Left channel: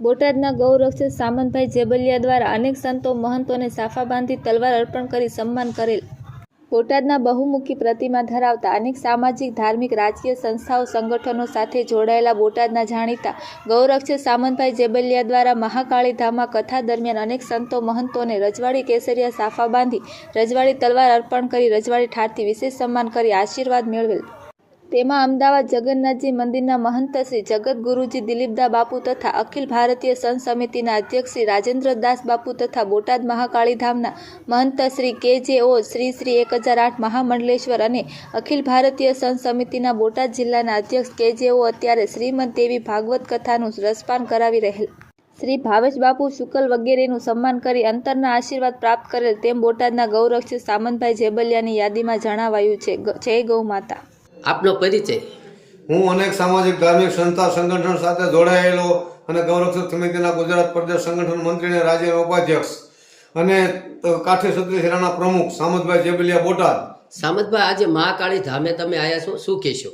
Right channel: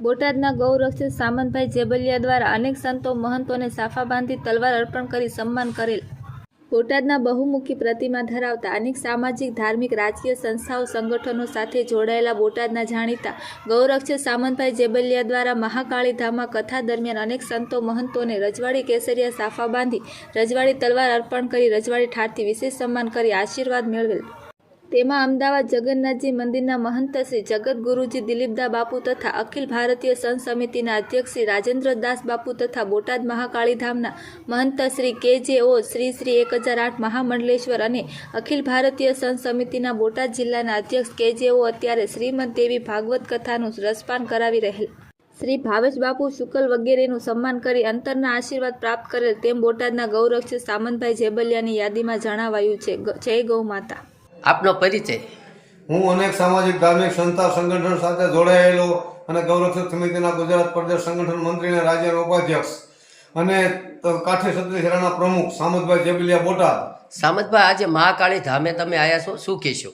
બોટાદના ગૌરક્ષક સામંતભાઈ જેબલિયા દ્વારા અનેક સંતો મહંતોને સાફા બાંધી તલવાર અર્પણ કરી સન્માન કરેલ. બોટાદના બહુમુખી પ્રતિમા ધરાવતા અનેક સામાજિક, ધાર્મિક, રાજકીય સંસ્થાઓ, સંગઠનો સાથે જોડાયેલા બોટાદના જાણીતા ગૌરક્ષક સામંતભાઈ જેબલિયા દ્વારા મહાકાળી ધામમાં કથા દરમિયાન અનેક સંતો મહંતોને રજવાડી કેસરિયા સાફા બાંધી રજવાડી તલવાર અર્પણ કરી રજવાડી ઠાઠથી વિશેષ સન્માન કરી આશીર્વાદ મેળવેલ. તેમાં અમદાવાદ જગન્નાથજી મંદિરના મહંત શ્રી જગતગુરુજી દિલીપદા બાપુ તથા અખિલ ભારતીય સંત સમિતિના અધ્યક્ષ શ્રી રાજેન્દ્રદાસ બાપુ તથા બોટાદ મહાકાળીધામના મહંત શ્રી કે.જે.ઓ. શ્રી 1008 મહામંડલેશ્વર અને અખિલ ભારતીય સંત સમિતિના બોટાદ જિલ્લાના અધ્યક્ષ કે.જે.ઓ. અત્યારે શ્રીમદ દેવી ભાગવત કથાનું રસપાન કરાવી રહેલ શ્રી ભાવેશ બાપુ શુકલ વગેરેનું સન્માન કરી અંતરના આશીર્વાદ પ્રાપ્ત કરેલ તેમ બોટાદના ગૌરક્ષક સામંતભાઈ જેબલિયાની યાદીમાં જણાવાયું છે. જય ગૌ માતા. આપનો પરિચય? હું અનેક સામાજિક, ધાર્મિક સંસ્થા સંગઠન સાથે જોડાયેલો અને ગૌરક્ષક સમિતિના ગુજરાત પ્રદેશ સંગઠન મંત્રી અને રાજ્યના ઉપાધ્યક્ષ અને કાઠી ક્ષત્રિય સેનાના પ્રમુખ સામંતભાઈ જેબલિયા બોટાદ. સામંતભાઈ, આજે મહાકાળી ધામે તમે આવ્યા છો, શું કહેશો?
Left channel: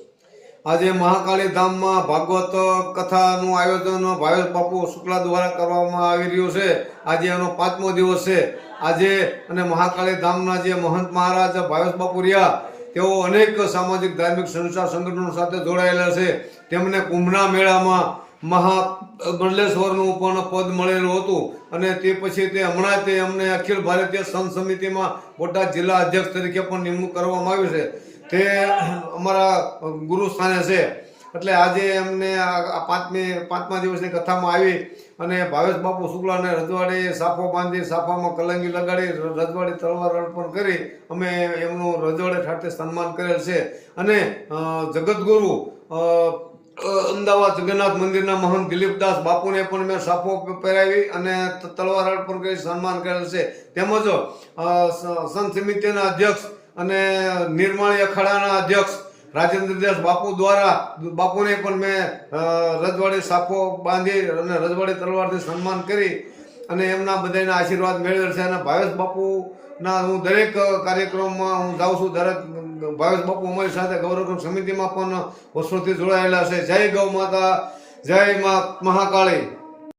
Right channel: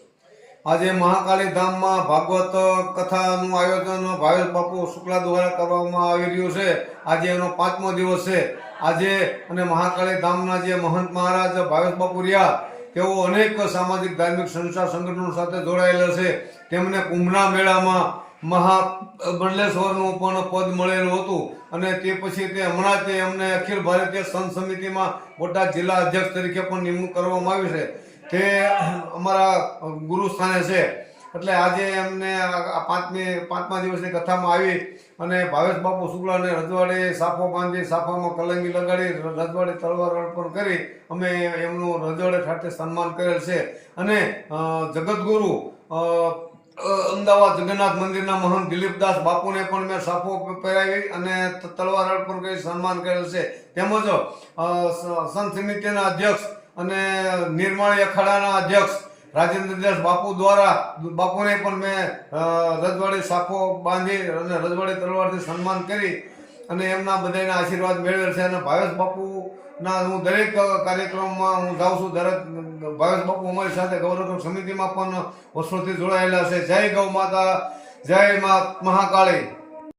આજે મહાકાળી ધામમાં ભાગવત કથાનું આયોજન ભાવેશ બાપુ શુક્લા દ્વારા કરવામાં આવી રહ્યું છે. આજે એનો 5મો દિવસ છે. આજે અને મહાકાળી ધામના જે મહંત મહારાજ ભાવેશ બાપુ રહ્યા તેઓ અનેક સામાજિક, ધાર્મિક સંસ્થા સંગઠનો સાથે જોડાયેલા છે. તેમને કુંભના મેળામાં મહામંડલેશ્વરનું પણ પદ મળેલું હતું અને તે પછી તે હમણાં તે અમને અખિલ ભારતીય સંત સમિતિમાં બોટાદ જિલ્લા અધ્યક્ષ તરીકે પણ નિમણૂક કરવામાં આવી છે. તે અમારા ગુરુ સ્થાને છે. એટલે આજે એમને આ 5મા દિવસની કથામાં આવી અને ભાવેશ બાપુ શુક્લાને રજવાડી સાફો બાંધી સાફામાં કલંગી લગાડી રજવાડી તલવાર અર્પણ કરી અમે એમનું રજવાડે ઠાઠે સન્માન કરેલ છે. અને જગતગુરુ અમદાવાદ જગન્નાથ મંદિરના મહંત દિલીપદાસ બાપુને પણ મેં સાફો પહેરાવી અને તલવાર અર્પણ કરી સન્માન કરેલ છે. તેમજ સંત સમિતિના અધ્યક્ષ અને નિર્માળી અખાડાના અધ્યક્ષ રાજેન્દ્રદાસ બાપુ દ્વારા બાપુને પણ મેં રજવાડી સાફો બાંધી અને રજવાડી તલવારથી સન્માન કરી અને એમના બધાના આશીર્વાદ મેળવેલ છે. અને ભાવેશ બાપુના હું દરેક કાર્યક્રમમાં હું જાઉં છું. દરેક ભાવેશ બાપુ અમારી સાથે ગૌરક્ષક સમિતિમાં પણ વર્ષોથી જોડાયેલા છે. જય ગૌ માતા, જય મા મહાકાળી.